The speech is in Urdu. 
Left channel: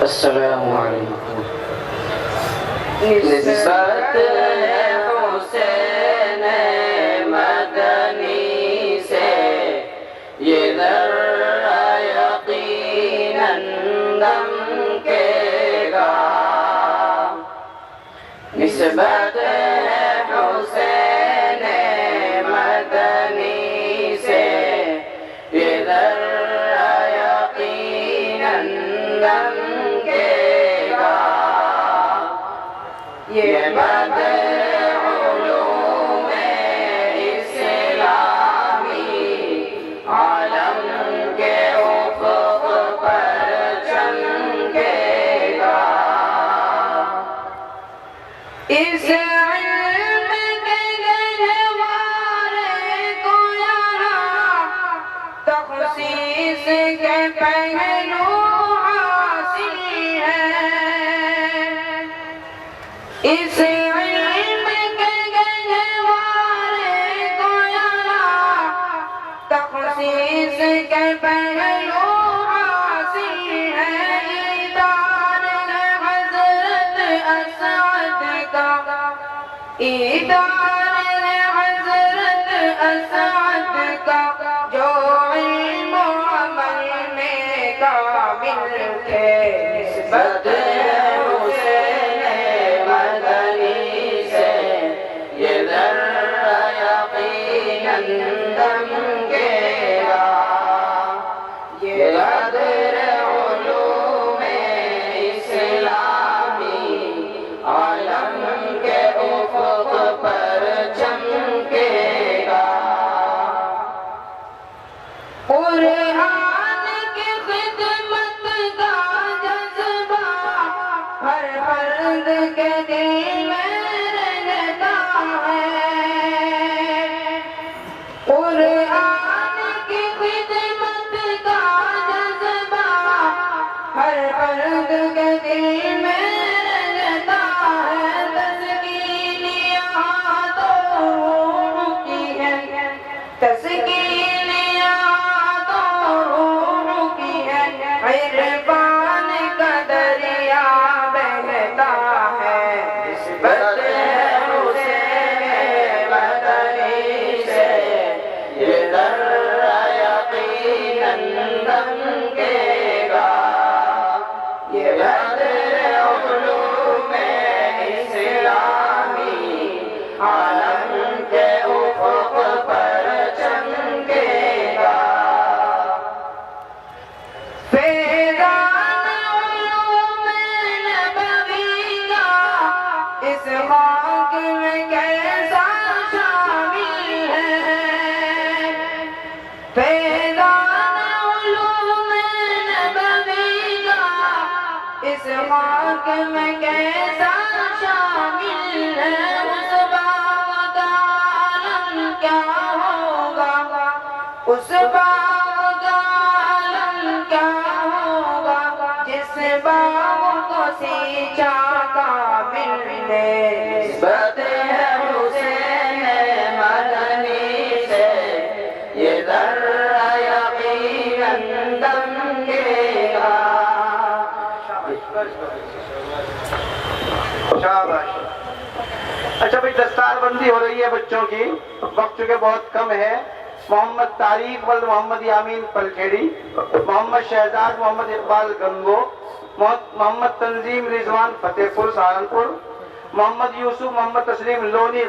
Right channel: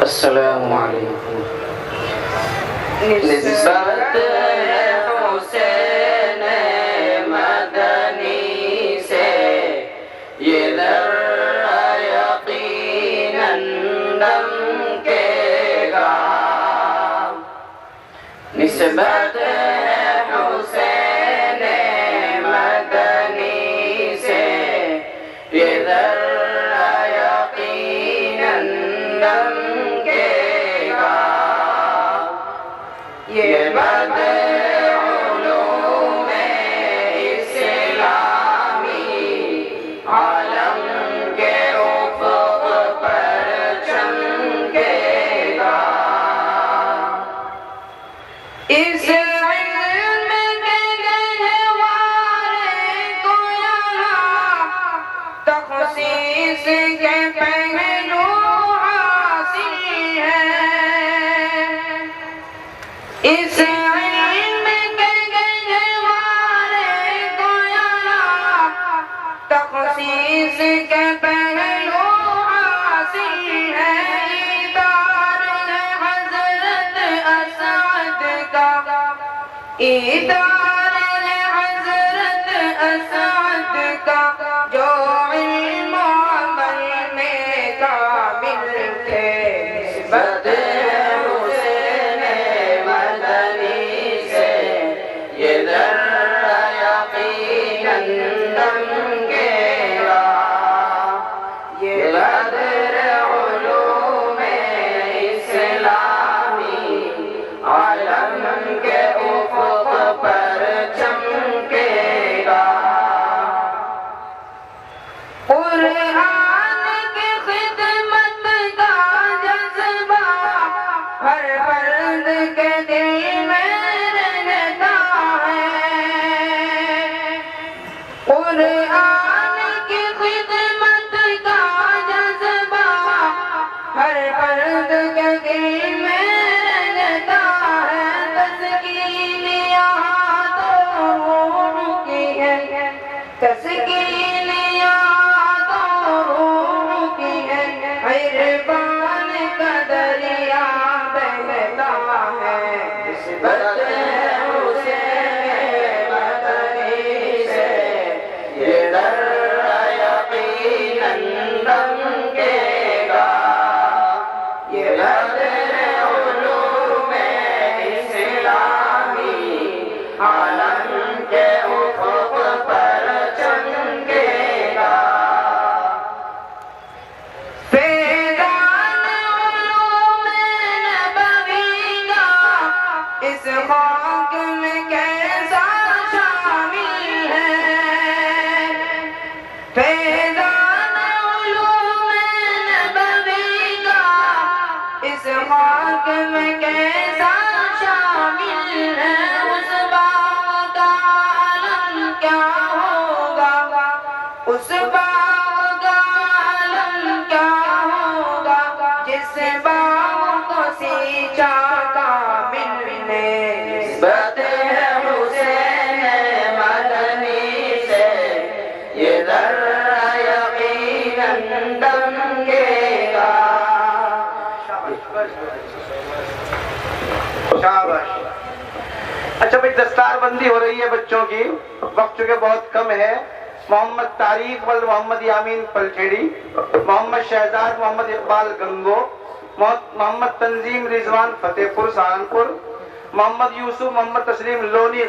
السلام علیکم. نسبت حسین مدنی سے یہ ذرہ یقیناً دمکے گا. نسبت حسین مدنی سے یہ ذرہ یقیناً دمکے گا. یہ مد علوم اسلامی عالم کے افق پر چمکے گا. اس علم کے گہوارے کو یہاں تخصیص کے پہلو حاصل ہے. اس علم کے گہوارے کو یہاں تخصیص کے پہلو حاصل ہے. ادار حضرت اسعد کا ادار حضرت اسعد کا جو علم و عمل میں کامل تھے. نسبت حسین مدنی سے یہ ذرہ یقیناً دمکے گا. یہ بدر علوم اسلامی عالم کے افق پر چمکے گا. قرآن کی خدمت کا جذبہ ہر فرد کے دل میں رہتا ہے. قرآن کی خدمت کا جذبہ ہر فرد کے دل میں رہتا ہے. تسکین یہاں تو روح کی ہے. تسکین یہاں تو روح کی ہے. عرفان کا دریا بہتا ہے. نسبت حسین مدنی سے یہ ذرہ یقیناً دمکے گا. یہ بدر علوم اسلامی عالم کے افق پر چمکے گا. فیضان علوم نبوی کا اس خاک میں کیسا شامل ہے. فیضان علوم نبوی کا اس خاک میں کیسا شامل ہے. اس باغ کا عالم کیا ہوگا. اس باغ کا عالم کیا ہوگا جس باغ کو سینچا کامل نے. نسبت حسین مدنی سے یہ ذرہ یقیناً دمکے گا. شاباش. اچھا بھائی دستار بندی ہو رہی ہے بچوں کی. وقت چونکہ بہت کم ہے. محمد طارق ولد محمد یامین پلکھیڑی, محمد شہزاد محمد اقبال گنگو, محمد تنظیم رضوان فتح پور سہارنپور, محمد یوسف محمد تسلیم لونی